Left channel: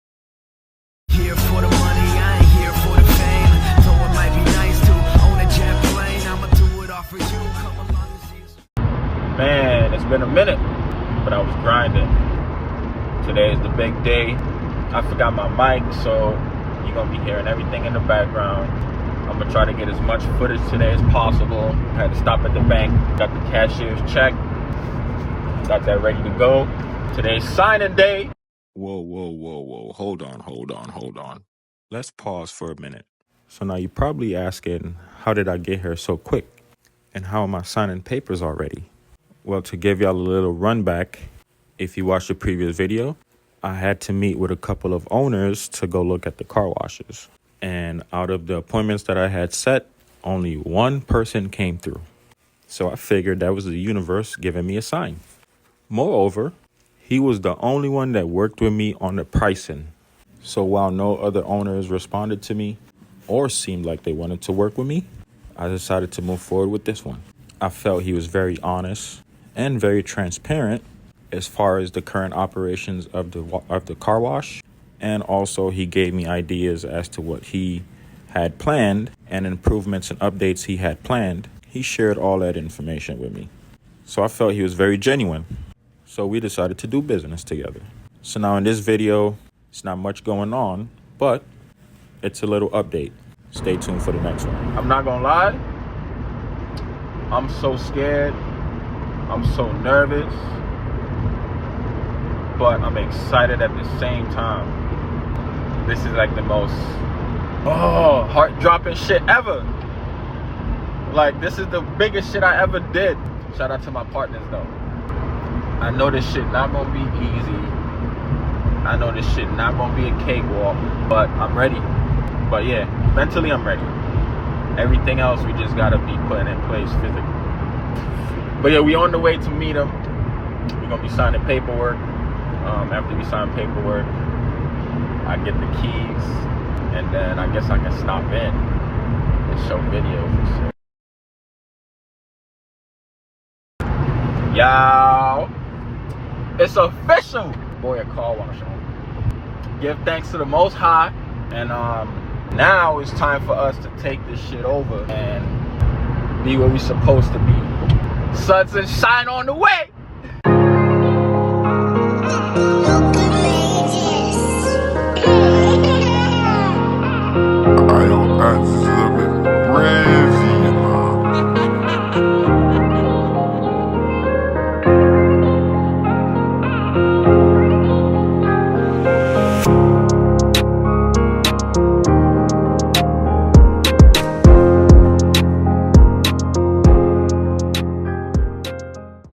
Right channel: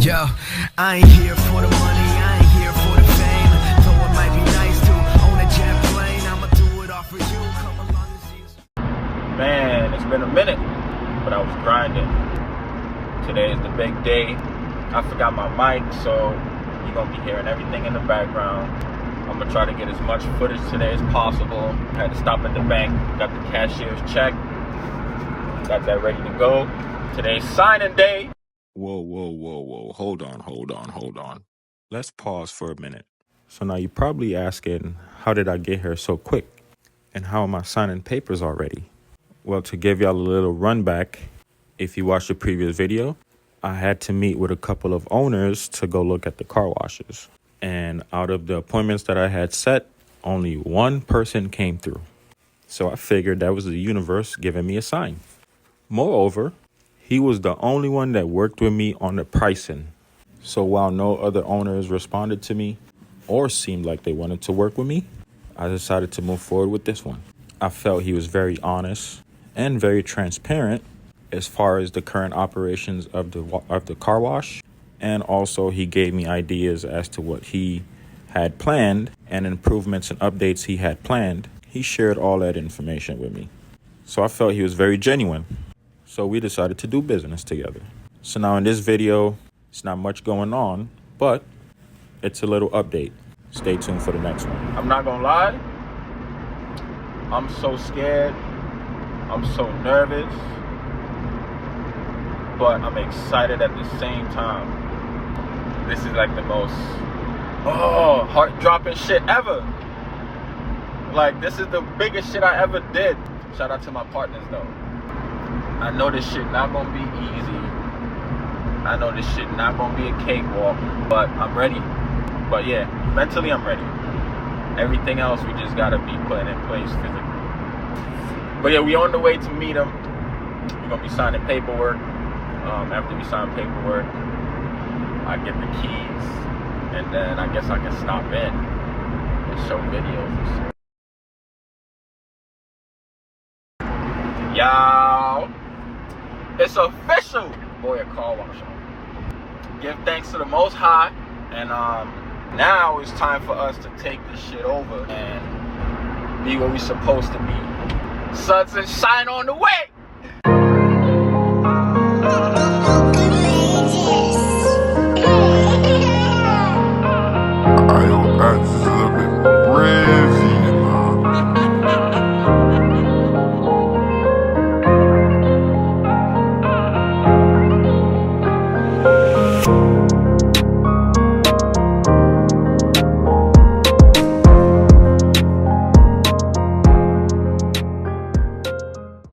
Yo, I ain't here for the money, I ain't here for the fame. Though it might be nice to own a jet plane, I'ma do it all for you. Come along and see us. Man, it's been a minute, but I was grinding. Today is the big day. I forgot my mic, so you're gonna be hearing everything in the background. I'm gonna try to get as much footage today as possible. Had to stop at the bank, got the cashier's check, got that ready to go. Today's signing day. Whoa. Hold on. Let's pause for a minute. So now you're probably asking, how did I get here so quick? And how am I signing papers already? Well, to give y'all a little run back, if you watched the previous video, I had to meet with a couple of owners to go look at the car washes. And out of the appointments that I had set, only one person came through. So I figured that was the universe giving me a sign. Moreover, he was the only one that worked with me on the pricing. So while no other owners responded to me or seemed like they wanted to work with me, I decided to move forward with this one. I felt he was very honest and very transparent as far as the current operations of the car wash. And also he gave me ideas as to what he had planned and improvements and updates he had planned. He shared all that information with me. So I felt he was very genuine. So we decided to do business together. So now in this video, it's not much going on, but it's a little update. Stay tuned for the next one. I'm not gonna lie, I'm so scared, I'm so nervous, but I'm excited at the same time. This is like the most heart-dropping shit ever. Like, this is the biggest shit I ever did. Shout out to my partners though. I know this shit not gonna be easy. I know this shit not gonna be a cakewalk, but I'm ready. But yeah, mentally I'm ready. Everything else we just gotta be putting in place physically. But yeah, we on the way to meet him. We're gonna be signing paperwork. After we sign paperwork, I get the keys, and then I guess I can stop in and show videos and shit. Y'all, it's official. Boy, a car wash. Give thanks to the Most High, and now it's time for us to take this shit over and be what we supposed to be. Suns and shine on the way.